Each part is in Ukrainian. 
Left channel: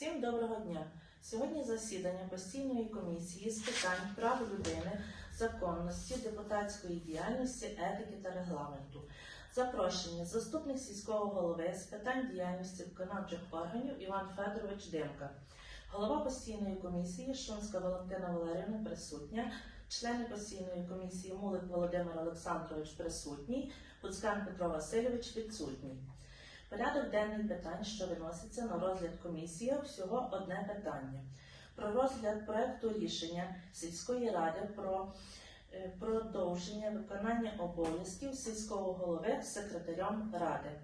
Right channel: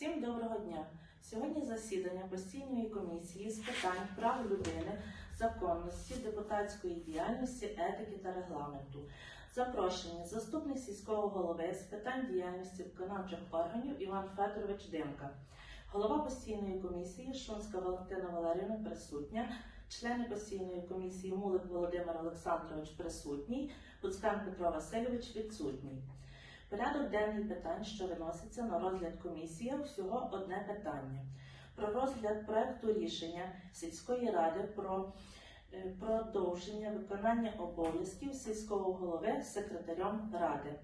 Всім доброго дня! Сьогодні засідання постійної комісії з питань прав людини, законності, депутатської діяльності, етики та регламенту. Запрошені заступник сільського голови з питань діяльності виконавчих органів Іван Федорович Димка, голова постійної комісії Шунська Валентина Валерівна присутня, члени постійної комісії Мулик Володимир Олександрович присутній, Буцкан Петро Васильович відсутній. Порядок денний питань, що виноситься на розгляд комісії, всього одне питання. Про розгляд проекту рішення сільської ради про е, продовження виконання обов'язків сільського голови секретарем ради.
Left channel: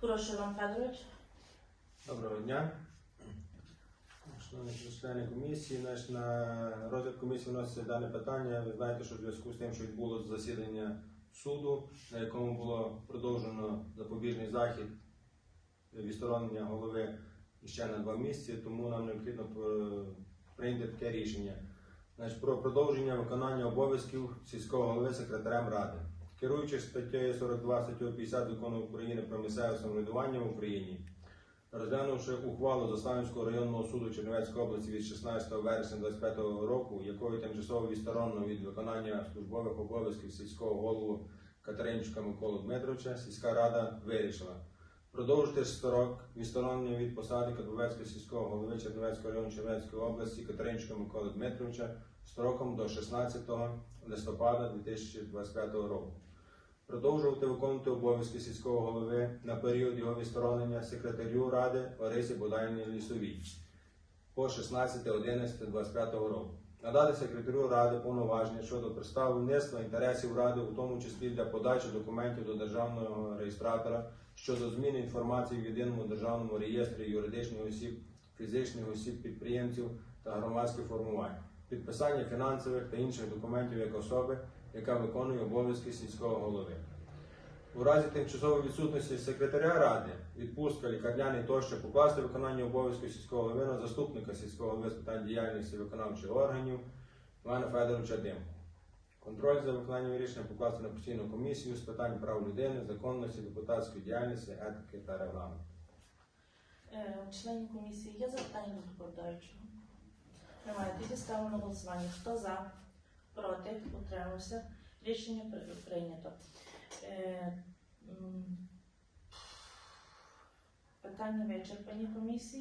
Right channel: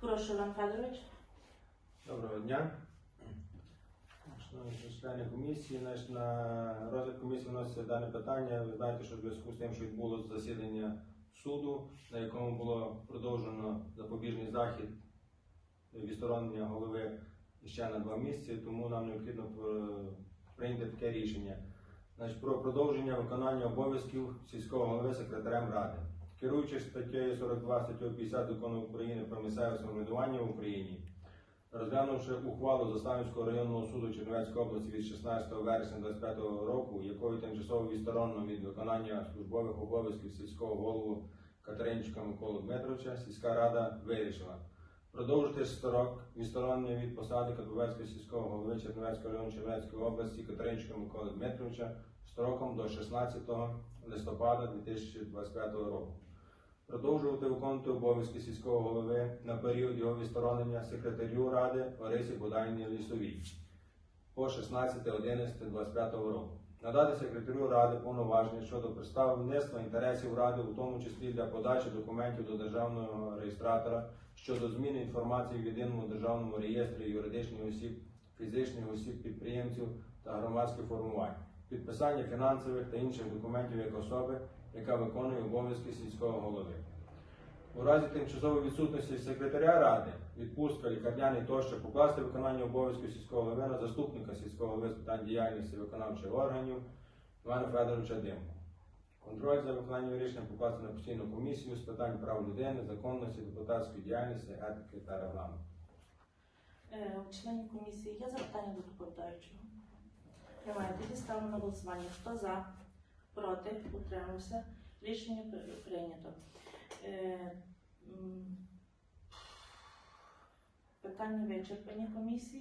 Прошу, Іван Федорович. Доброго дня. Шановні члени комісії, на розгляд комісії вноситься дане питання. Ви знаєте, що в зв'язку з тим, що відбулося засідання суду, на якому було захід відсторонення голови ще на два місяці, тому нам необхідно про- прийняти таке рішення. Значить, про продовження виконання обов'язків сільського голови секретарем ради. Керуючись статтею 42 статтею 50 закону України про місцеве самоврядування в Україні, розглянувши ухвалу Заславівського районного суду Чернівецької області від 16 вересня 2025 року, якою тимчасово відсторонено від виконання службових обов'язків сільського голову Катеринчука Миколу Дмитровича, сільська рада вирішила продовжити строк відсторонення від посади Каповецького сільського голови Чернівецького району Чернівецької області Катеринчука Миколи Дмитровича строком до 16 листопада 2025 року. Продовжувати виконувати обов'язки сільського голови на період його відсторонення секретарю ради Ларисі Будайні Лісовій по 16.11.25 року. Надати секретарю ради повноваження щодо представництва інтересів ради, у тому числі для подачі документів до державного реєстратора щодо зміни інформації в єдиному державному реєстрі юридичних осіб, фізичних осіб, підприємців та громадських формувань, підписання фінансових та інших документів як особи, яка виконує обов'язки сільського голови. У разі тимчасової відсутності секретаря ради, відпустка, лікарняний тощо покласти виконання обов'язків сільського голови на заступника сільського голови з питань діяльності виконавчих органів Івана Федоровича Димку. Контроль за виконанням рішення покласти на постійну комісію з питань прав людини, законності, депутатської діяльності, етики та регламенту. Е, комісії є запитання до доповідаючого? Немає. Тоді ставимо на голосування. Хто за? Проти? Утримався? Рішення прийнято. Е, Питання вичерпані комісії.